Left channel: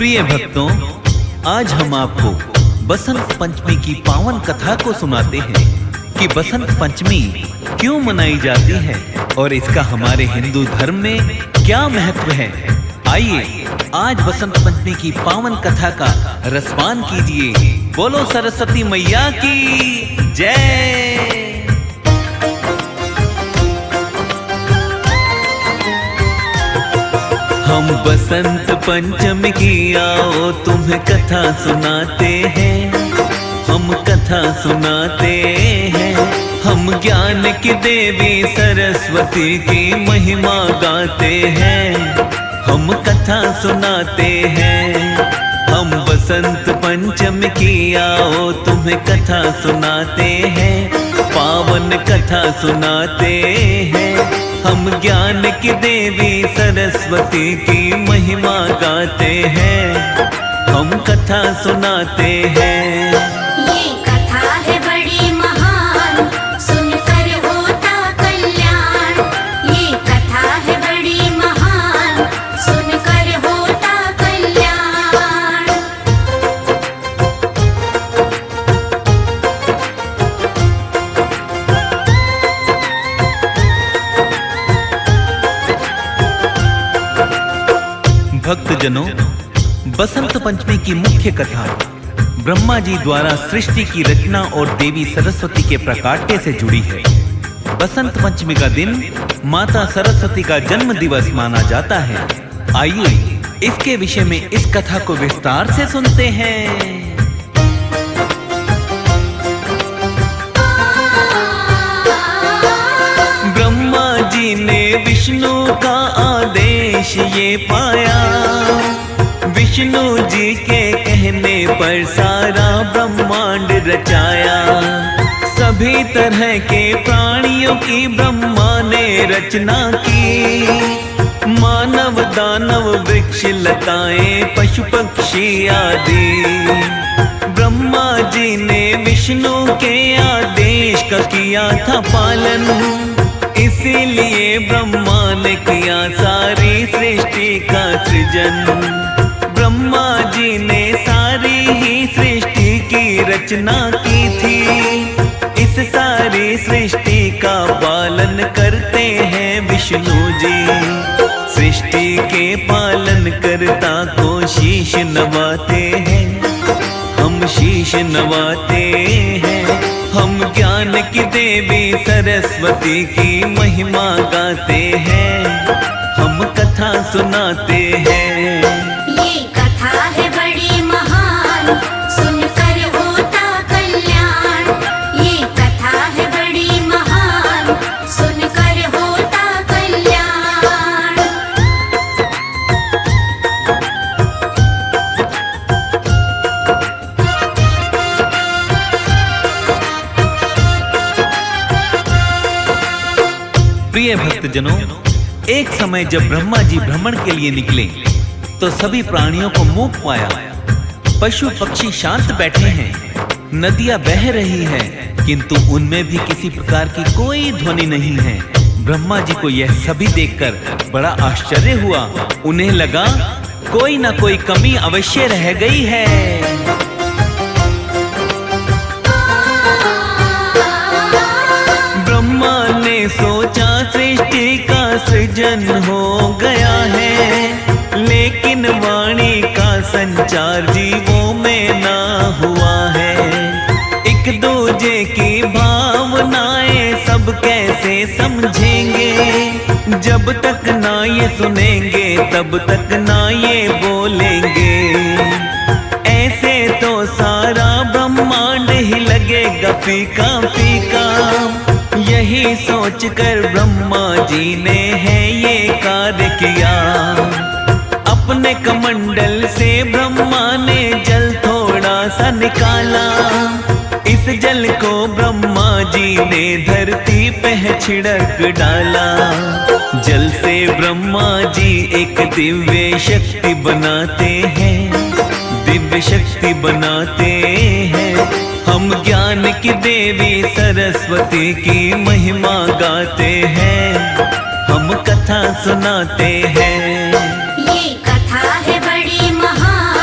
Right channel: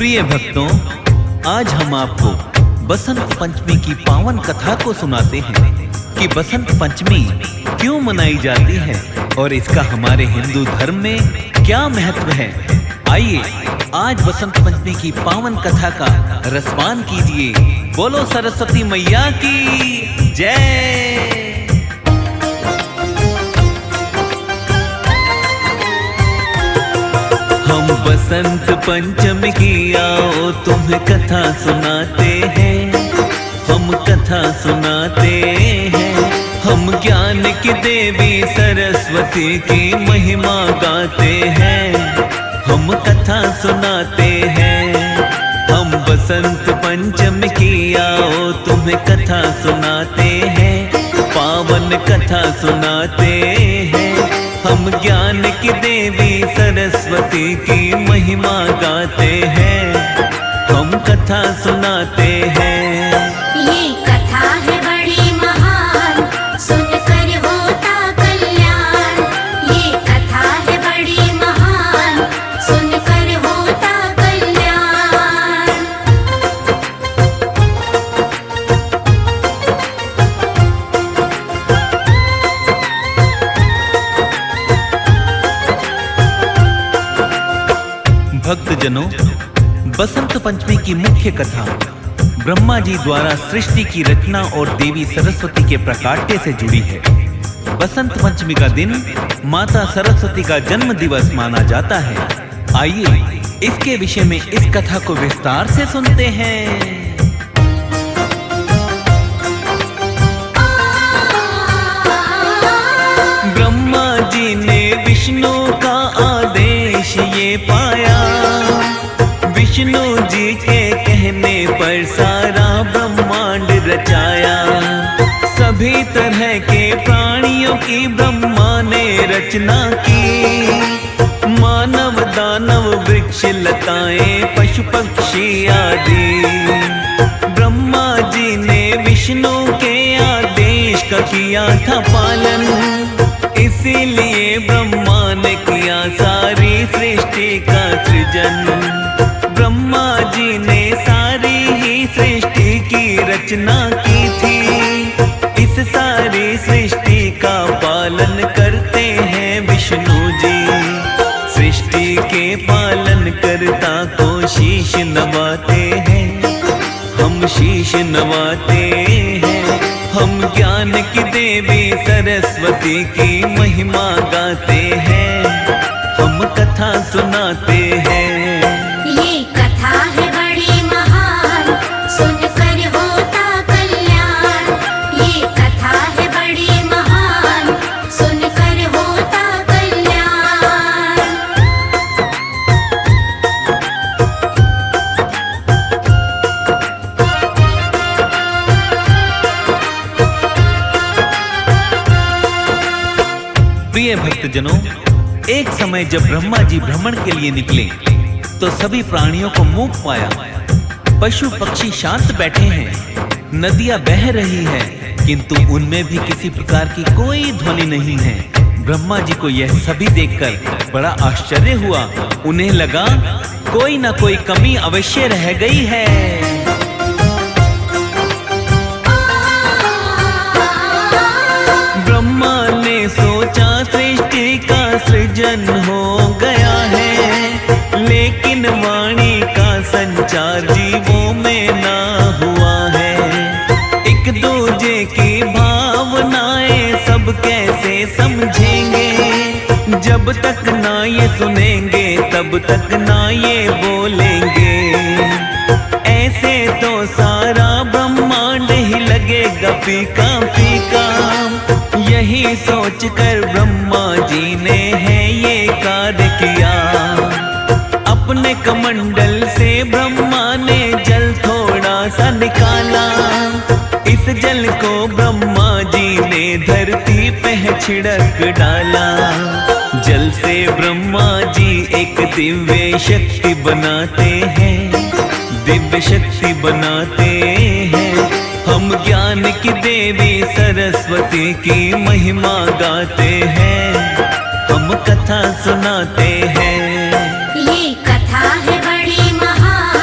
प्रिय भक्तों, आज हम आपको बसंत पंचमी की पावन कथा को सुनाते हैं कि बसंत पंचमी क्यों मनाई जाती है और इसका हमारे हिंदू धर्म में क्या महत्व है। आइए आज बसंत पंचमी की पावन कथा का रसपान कीजिए। बोलो सरस्वती मैया की जय। हम बसंत पंचमी की आओ तुम्हें कथा सुनाते हैं, हम कथा सुनाते हैं। हम ज्ञान की देवी सरस्वती की महिमा गाते हैं, हम कथा सुनाते हैं। हम बसंत पंचमी की आओ तुम्हें कथा सुनाते हैं, पावन कथा सुनाते हैं। हम ज्ञान की देवी सरस्वती की महिमा गाते हैं, हम कथा सुनाते हैं। ये कथा है बड़ी महान, सुनकर होता कल्याण। ये कथा है बड़ी महान, सुनकर होता कल्याण। भक्तजनों, बसंत पंचमी की मुख्य कथा ब्रह्मा जी द्वारा सृष्टि की रचना और देवी सरस्वती के प्रकाट्य से जुड़ी है। बसंत पंचमी का दिन माता सरस्वती का जन्म दिवस माना जाता है। आइए इसके विषय में इस कथा को विस्तार से सुनते हैं। ब्रह्मा जी ने विष्णु का आदेश ये पाया, विष्णु जी के कहने पर सारा ब्रह्मांड रचाया। सभी तरह के प्राणियों की ब्रह्मा ने रचना की, मानव दानव वृक्ष लताएं पशु पक्षी आदि। ब्रह्मा जी ने विष्णु के आदेश का किया था पालन, इसीलिए ब्रह्मा ने किया सारी सृष्टि का सृजन। ब्रह्मा जी ने सारी ही सृष्टि की रचना की थी, इस सारी सृष्टि का पालन करते हैं विष्णु जी। सृष्टि के पालन करता को शीश नवाते हैं, हम शीश नवाते हैं। हम ज्ञान की देवी सरस्वती की महिमा गाते हैं, हम कथा सुनाते हैं। ये कथा है बड़ी महान, सुनकर होता कल्याण। ये कथा है बड़ी महान, सुनकर होता कल्याण। प्रिय भक्तजनों, एक समय जब ब्रह्मा जी भ्रमण के लिए निकले तो सभी प्राणियों को मूक पाया। पशु पक्षी शांत बैठे हैं, नदियां बह रही है, किंतु उनमें भी किसी प्रकार की कोई ध्वनि नहीं है। ब्रह्मा जी को यह सभी देखकर बड़ा आश्चर्य हुआ। उन्हें लगा कोई ना कोई कमी अवश्य रह गई है। ब्रह्मा ने सोचा सृष्टि का सृजन हो गया है, लेकिन वाणी का संचार जीवों में ना हुआ है। एक दूजे की भावनाएं सब कैसे समझेंगे, जब तक ना ये सुनेंगे तब तक ना ये बोलेंगे। ऐसे तो सारा ब्रह्मांड ही लगेगा फीका फीका। यही सोचकर ब्रह्मा जी ने है ये कार्य किया। अपने कमंडल से ब्रह्मा ने जल थोड़ा सा निकाला, इस जल को ब्रह्मा जी ने धरती पे छिड़क डाला। जल से ब्रह्मा जी एक दिव्य शक्ति बनाते हैं, दिव्य शक्ति बनाते हैं। हम ज्ञान की देवी सरस्वती की महिमा गाते हैं, हम कथा सुनाते हैं। ये कथा है बड़ी महान,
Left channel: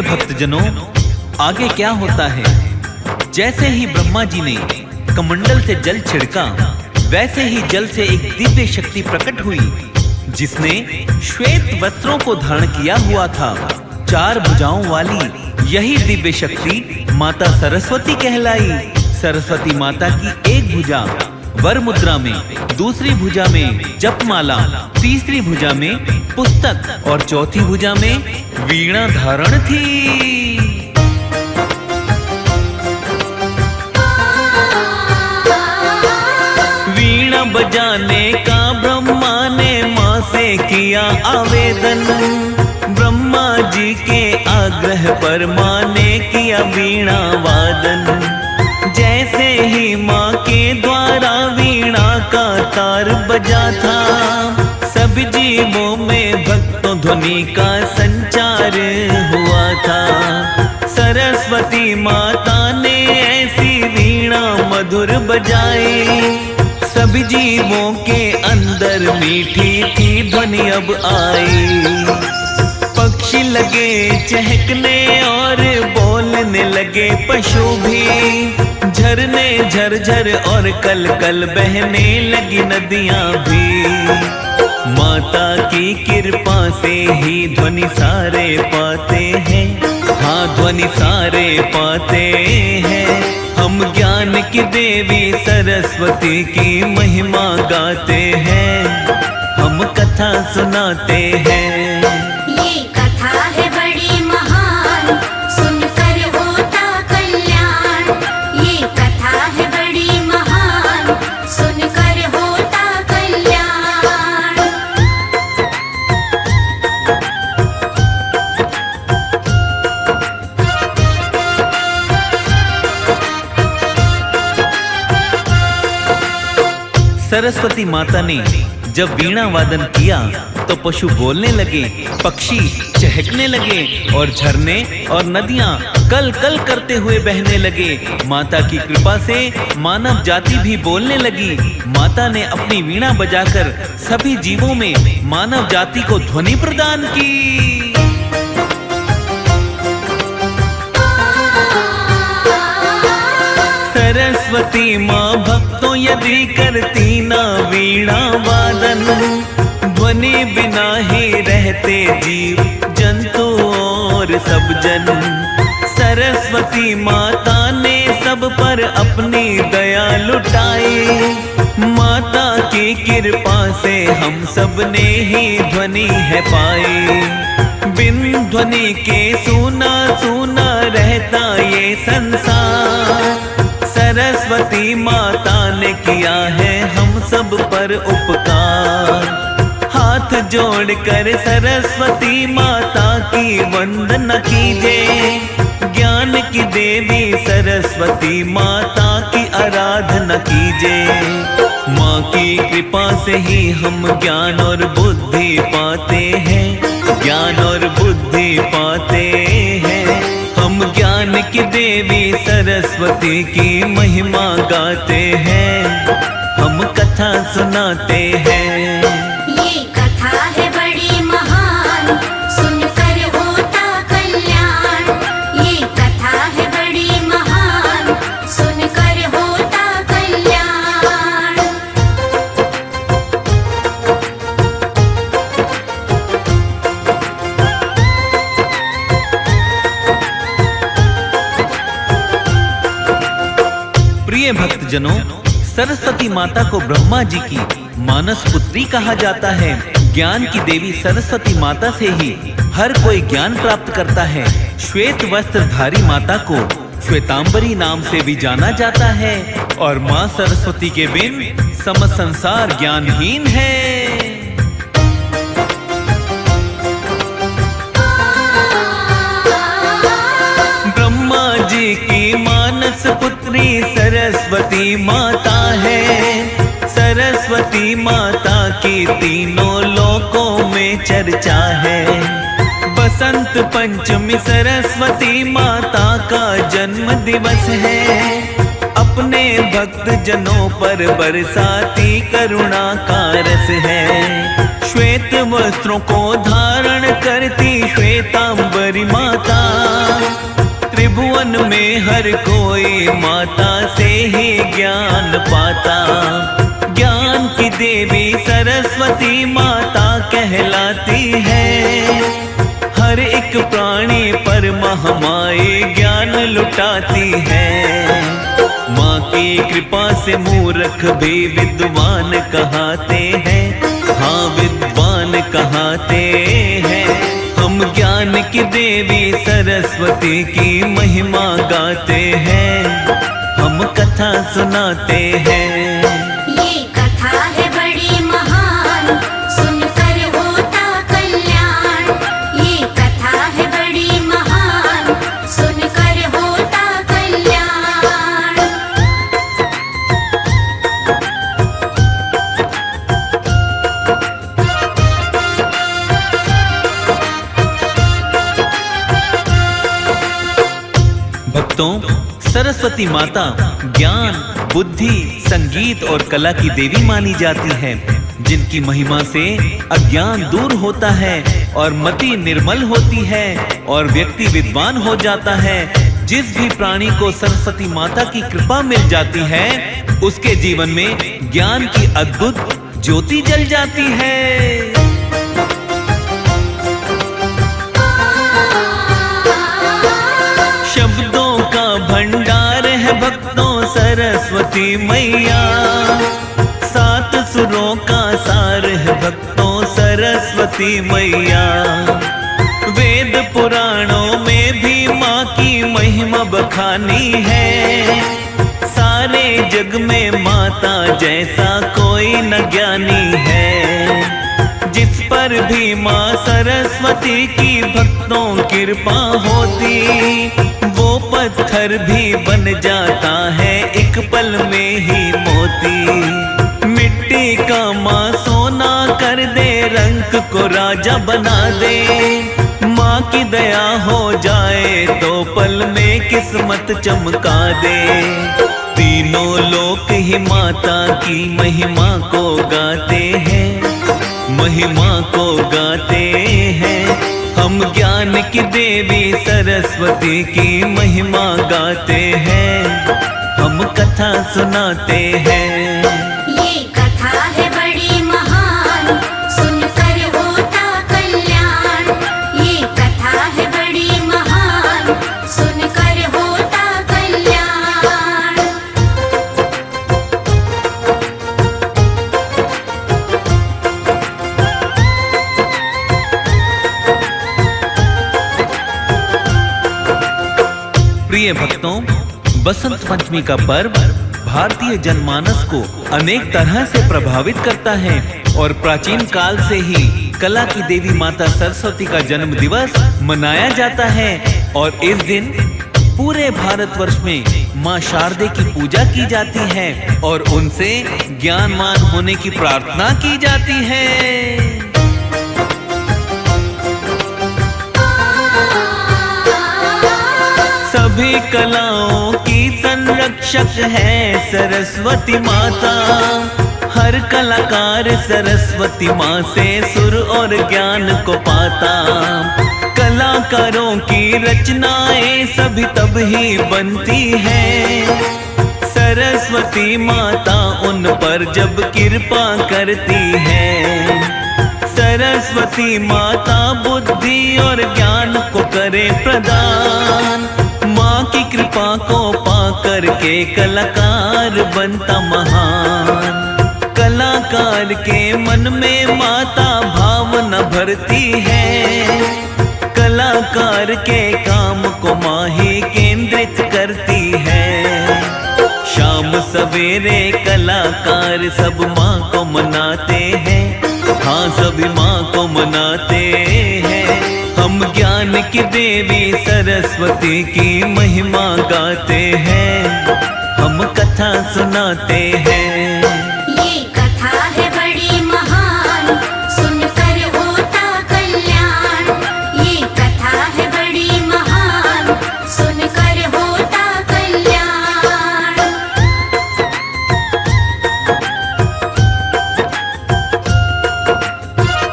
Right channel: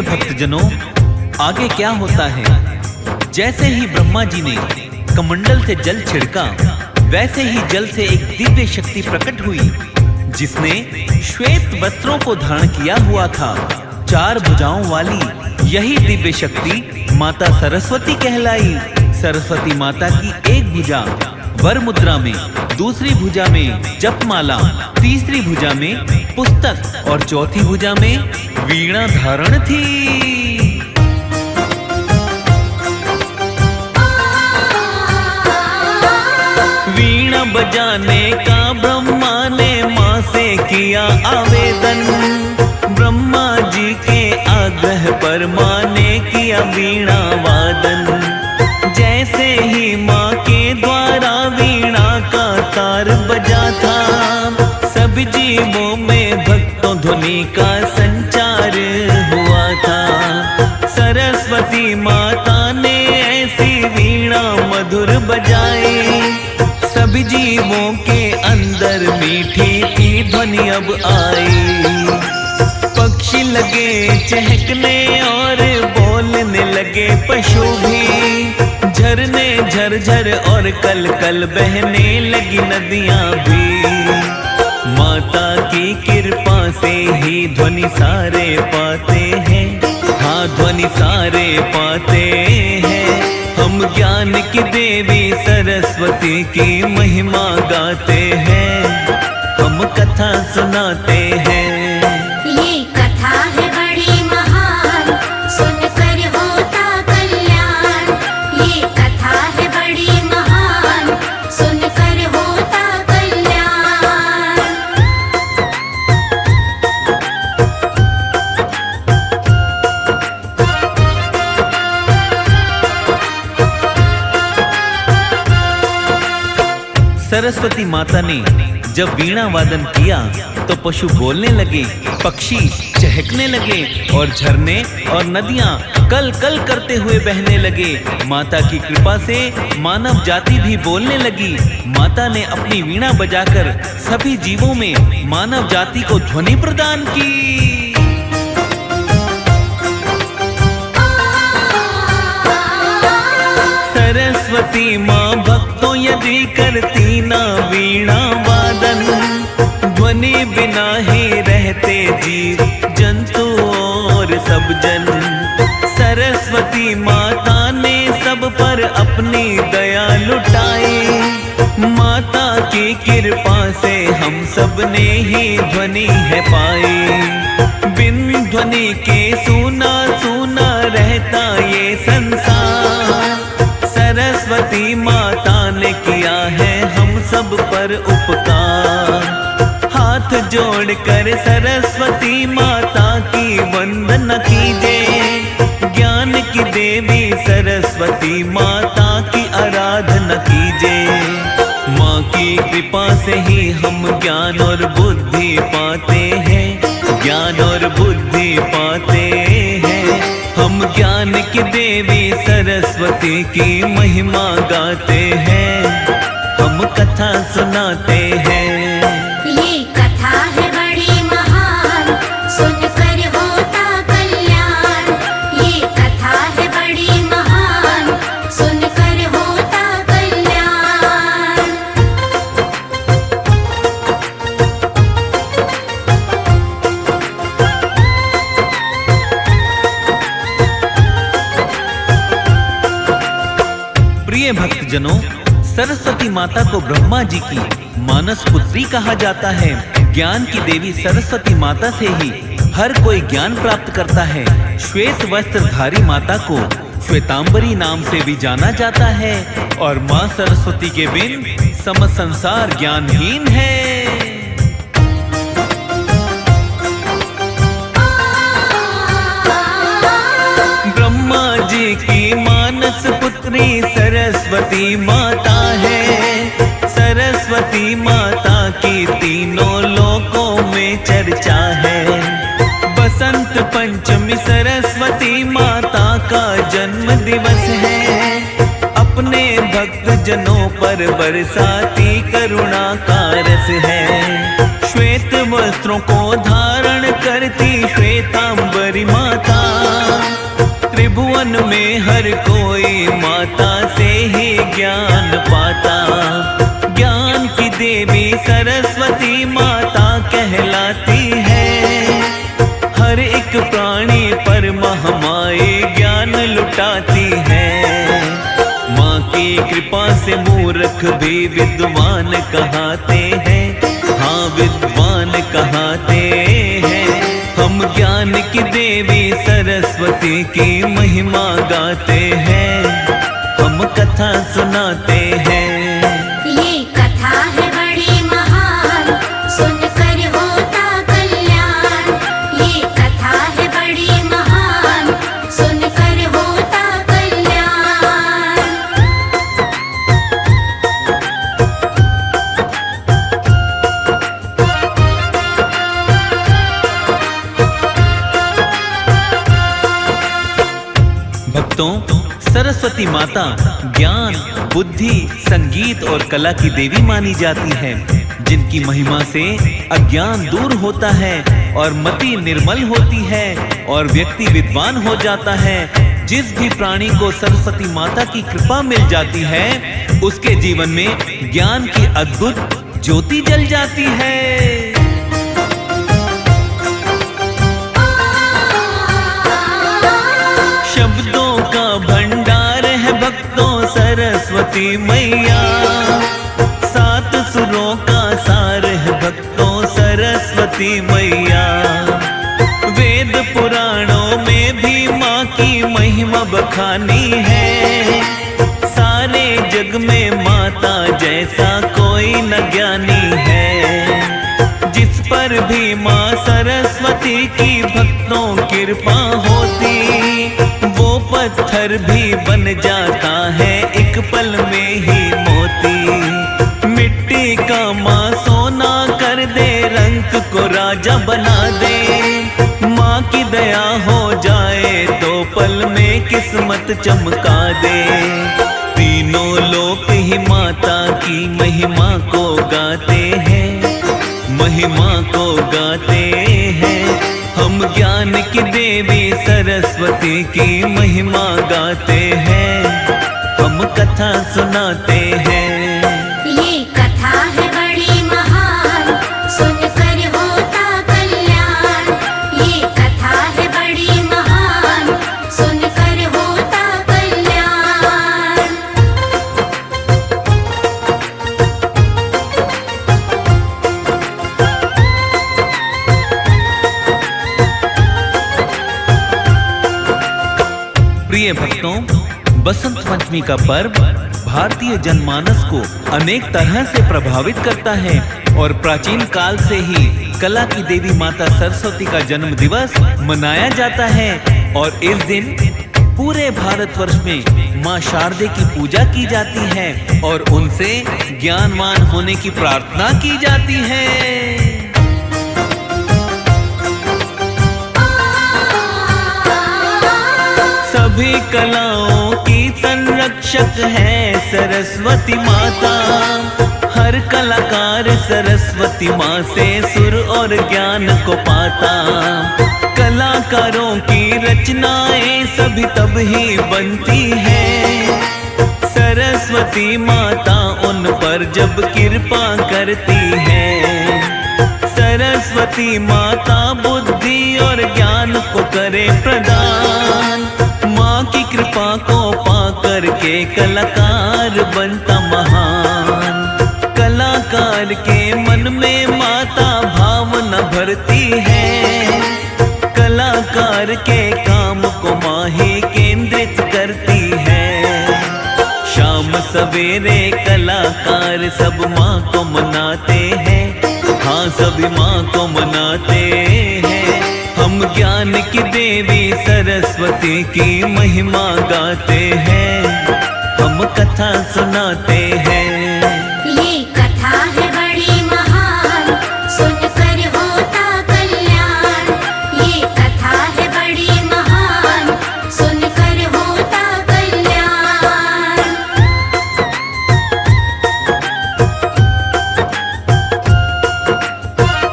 प्रिय भक्तजनों, आगे क्या होता है? जैसे ही ब्रह्मा जी ने कमंडल से जल छिड़का, वैसे ही जल से एक दिव्य शक्ति प्रकट हुई, जिसने श्वेत वस्त्रों को धारण किया हुआ था। 4 भुजाओं वाली यही दिव्य शक्ति माता सरस्वती कहलाई। सरस्वती माता की एक भुजा वर मुद्रा में, दूसरी भुजा में जपमाला, तीसरी भुजा में पुस्तक और चौथी भुजा में वीणा धारण थी। वीणा बजाने का ब्रह्मा ने माँ से किया आवेदन। ब्रह्मा जी के आग्रह पर माँ ने किया वीणा वादन। जैसे ही माँ के द्वारा वीणा का तार बजा था, सभी जीवों में भक्तों ध्वनि का संचार हुआ था। सरस्वती माता ने ऐसी वीणा मधुर बजाई, सभी जीवों के अंदर मीठी थी ध्वनि अब आई। पक्षी लगे चहकने और बोलने लगे पशु भी, झरने झरझर और कल कल बहने लगी नदियां भी। माता की कृपा से ही ध्वनि सारे पाते हैं, हाँ ध्वनि सारे पाते हैं। हम ज्ञान की देवी सरस्वती की महिमा गाते हैं, हम कथा सुनाते हैं। ये कथा है बड़ी महान, सुनकर होता कल्याण। ये कथा है बड़ी महान, सुनकर होता कल्याण। सरस्वती माता ने जब वीणा वादन किया तो पशु बोलने लगे, पक्षी चहकने लगे और झरने और नदियां कल कल करते हुए बहने लगे। माता की कृपा से मानव जाति भी बोलने लगी। माता ने अपनी वीणा बजाकर सभी जीवों में मानव जाति को ध्वनि प्रदान की। सरस्वती माँ भक्तों यदि करती ना वीणा वादन, ध्वनि बिना ही रहते जीव जंतु और सब जन। सरस्वती माता ने सब पर अपनी दया लुटाई, माता की कृपा से हम सब ने ही ध्वनि है पाई। बिन ध्वनि के सूना सूना रहता ये संसार, सरस्वती माता ने किया है हम सब पर उपकार। हाथ जोड़कर सरस्वती माता की वंदना कीजिए, ज्ञान की देवी सरस्वती माता की आराधना कीजिए। माँ की कृपा से ही हम ज्ञान और बुद्धि पाते हैं, ज्ञान और बुद्धि पाते हैं। हम ज्ञान की देवी सरस्वती की महिमा गाते हैं, हम कथा सुनाते हैं। ये कथा है बड़ी महान, सुनकर होता कल्याण। ये कथा है बड़ी महान, सुनकर होता कल्याण। प्रिय भक्तजनों, सरस्वती माता को ब्रह्मा जी की मानस पुत्री कहा जाता है। ज्ञान की देवी सरस्वती माता से ही हर कोई ज्ञान प्राप्त करता है। श्वेत वस्त्रधारी माता को श्वेतांबरी नाम से भी जाना जाता है और माँ सरस्वती के बिन समस्त संसार ज्ञानहीन है। ब्रह्मा जी की मानस पुत्री सरस्वती माता है। सरस्वती माता की तीनों लोकों में चर्चा है। बसंत पंचमी सरस्वती माता का जन्म दिवस है। अपने भक्त जनों पर बरसाती करुणा का रस है। श्वेत वस्त्रों को धारण करती श्वेतांबरी माता, त्रिभुवन में हर कोई माता से ही ज्ञान पाता। ज्ञान की देवी सरस्वती माता कहलाती है, हर एक प्राणी पर महामाई ज्ञान लुटाती है। माँ की कृपा से मूर्ख भी विद्वान कहाते हैं, हाँ विद्वान कहाते हैं। हम ज्ञान की देवी सरस्वती की महिमा गाते हैं, हम कथा सुनाते हैं। ये कथा है बड़ी महान, सुनकर होता कल्याण। ये कथा है बड़ी महान, सुनकर होता कल्याण। भक्तों, सरस्वती माता ज्ञान, बुद्धि, संगीत और कला की देवी मानी जाती है, जिनकी महिमा से अज्ञान दूर होता है और मति निर्मल होती है और व्यक्ति विद्वान हो जाता है। जिस भी प्राणी को सरस्वती माता की कृपा मिल जाती है, उसके जीवन में ज्ञान की अद्भुत ज्योति जल जाती है। शब्दों का भंडार है भक्तों सरस्वती मैया, सात सुरों का सार है भक्तों सरस्वती मैया। वेद पुराणों में भी माँ की महिमा बखानी है, सारे जग में माता जैसा कोई न ज्ञानी है। जिस पर भी माँ सरस्वती की भक्तों कृपा होती, वो पत्थर भी बन जाता है एक पल में ही मोती। मिट्टी का माँ सोना कर दे, रंग को राजा बना दे। माँ की दया हो जाए तो पल में किस्मत चमका दे। तीनों लोक ही माता की महिमा को गाते हैं, महिमा को गाते हैं। हम ज्ञान की देवी सरस्वती की महिमा गाते हैं, हम कथा सुनाते हैं। ये कथा है बड़ी महान, सुनकर होता कल्याण। ये कथा है बड़ी महान, सुनकर होता कल्याण। प्रिय भक्तों, बसंत पंचमी का पर्व भारतीय जनमानस को अनेक तरह से प्रभावित करता है और प्राचीन काल से ही कला की देवी माता सरस्वती का जन्म दिवस मनाया जाता है। और इस दिन पूरे भारतवर्ष में माँ शारदे की पूजा की जाती है और उनसे ज्ञानवान होने की प्रार्थना की जाती है। सभी कलाओं की संरक्षक है सरस्वती माता। हर कलाकार सरस्वती माँ से सुर और ज्ञान को पाता। कलाकारों की रचनाएं सभी तब ही बनती है, सरस्वती माता उन पर जब कृपा करती है। सरस्वती माता बुद्धि और ज्ञान को करे प्रदान। माँ की कृपा को पा करके कलाकार बनता महान। कलाकार के मन में माता भावना भरती है। कलाकार के काम को माँ ही केंद्रित करती है। शाम सवेरे कलाकार सब माँ को मनाते हैं, हाँ सभी माँ को मनाते हैं। हम ज्ञान की देवी सरस्वती की महिमा गाते हैं, हम कथा सुनाते हैं। ये कथा है बड़ी महान, सुनकर होता कल्याण। ये कथा है बड़ी महान, सुनकर होता कल्याण।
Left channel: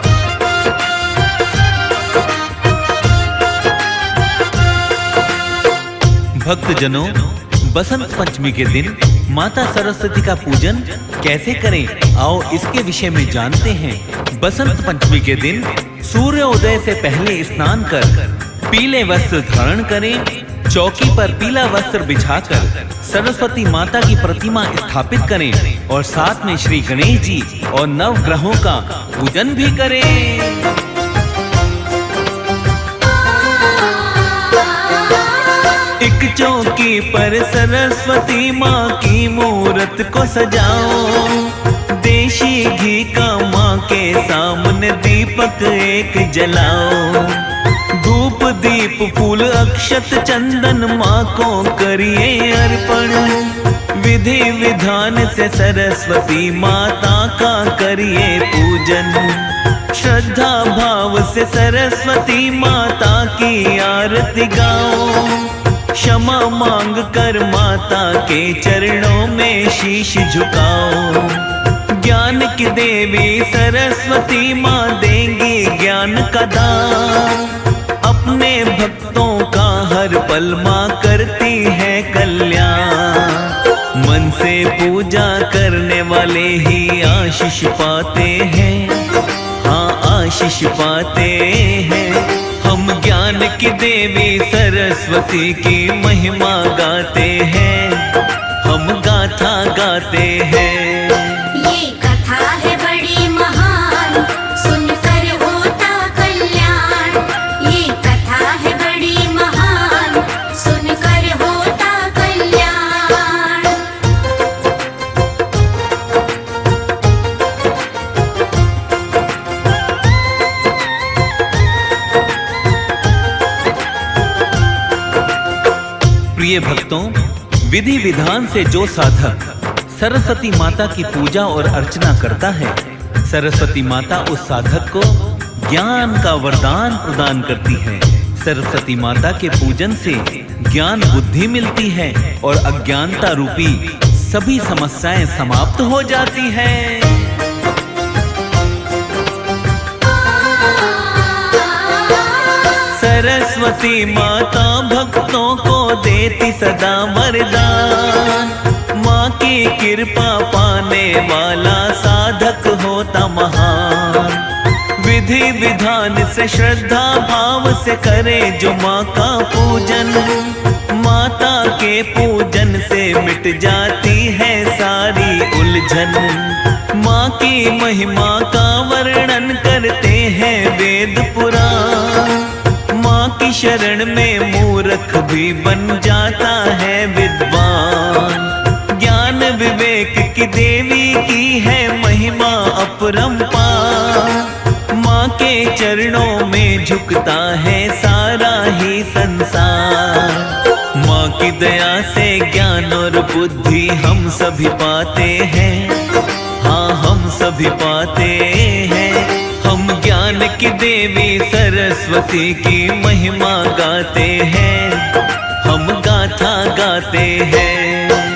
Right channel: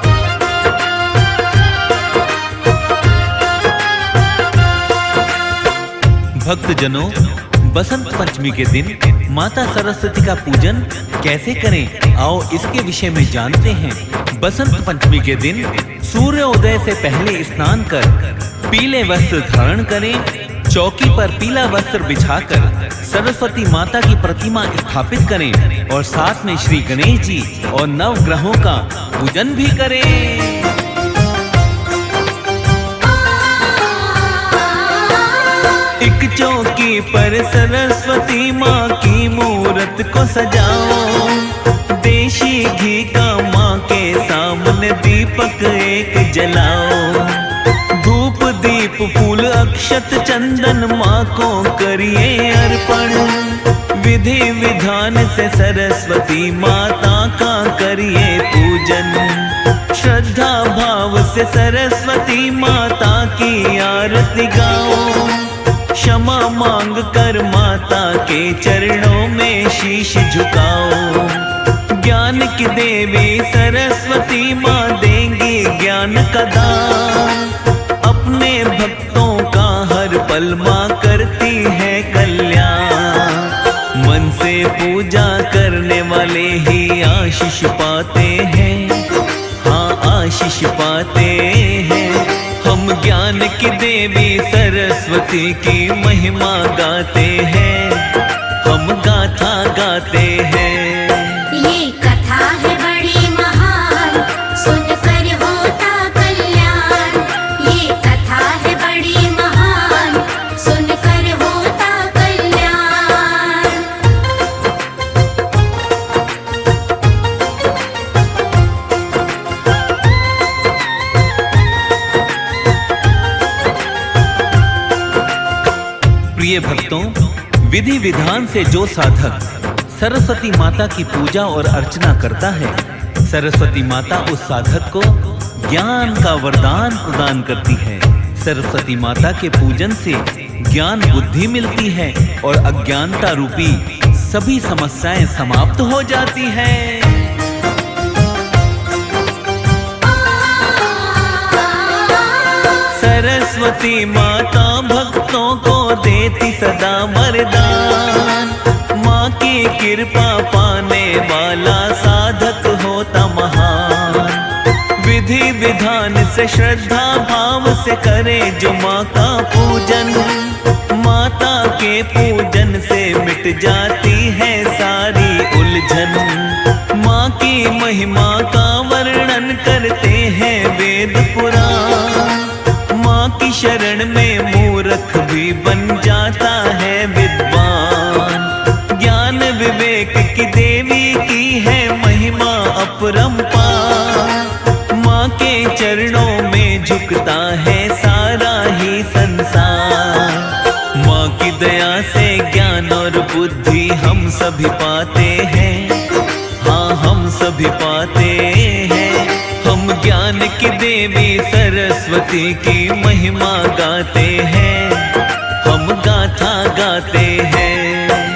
भक्तजनों, बसंत पंचमी के दिन माता सरस्वती का पूजन कैसे करें, आओ इसके विषय में जानते हैं। बसंत पंचमी के दिन सूर्योदय से पहले स्नान कर पीले वस्त्र धारण करें। चौकी पर पीला वस्त्र बिछाकर सरस्वती माता की प्रतिमा स्थापित करें और साथ में श्री गणेश जी और नवग्रहों का पूजन भी करें। एक चौकी पर सरस्वती माँ की मूरत को सजाओ। देशी घी का माँ के सामने दीपक एक जलाओ। धूप दीप फूल अक्षत चंदन माँ को करिए अर्पण। विधि विधान से सरस्वती माता का करिए पूजन। श्रद्धा भाव से सरस्वती माता की आरती गाओ। क्षमा मांग कर माता के चरणों में शीश झुकाओ। ज्ञान की देवी सरस्वती माँ देंगी ज्ञान का दान। अपने भक्तों का हर पल माँ करती है कल्याण। मन से पूजा करने वाले ही आशीष पाते हैं, हाँ आशीष पाते हैं। हम ज्ञान की देवी सरस्वती की महिमा गाते हैं, हम गाथा गाते हैं। ये कथा है बड़ी महान, सुनकर होता कल्याण। ये कथा है बड़ी महान, सुनकर होता कल्याण। प्रिय भक्तों, विधि विधान से जो साधक सरस्वती माता की पूजा और अर्चना करता है, सरस्वती माता उस साधक को ज्ञान का वरदान प्रदान करती है। सरस्वती माता के पूजन से ज्ञान बुद्धि मिलती है और अज्ञानता रूपी सभी समस्याएं समाप्त हो जाती हैं। सरस्वती माता भक्तों को देती सदा वरदान। माँ की कृपा पाने वाला साधक होता महान। विधि विधान से श्रद्धा भाव से करे जो माँ का पूजन। माता के पूजन से मिट जाती है सारी उलझन। माँ की महिमा का वर्णन करते हैं वेद पुराण। माँ की शरण में मूर्ख भी बन जाता है विद्वान। ज्ञान विवेक की देवी की है महिमा अपरंपार। माँ के चरणों में झुकता है सारा ही संसार। माँ की दया से ज्ञान और बुद्धि हम सभी पाते हैं, हाँ हम सभी पाते हैं। हम ज्ञान की देवी सरस्वती की महिमा गाते हैं, हम गाथा गाते हैं।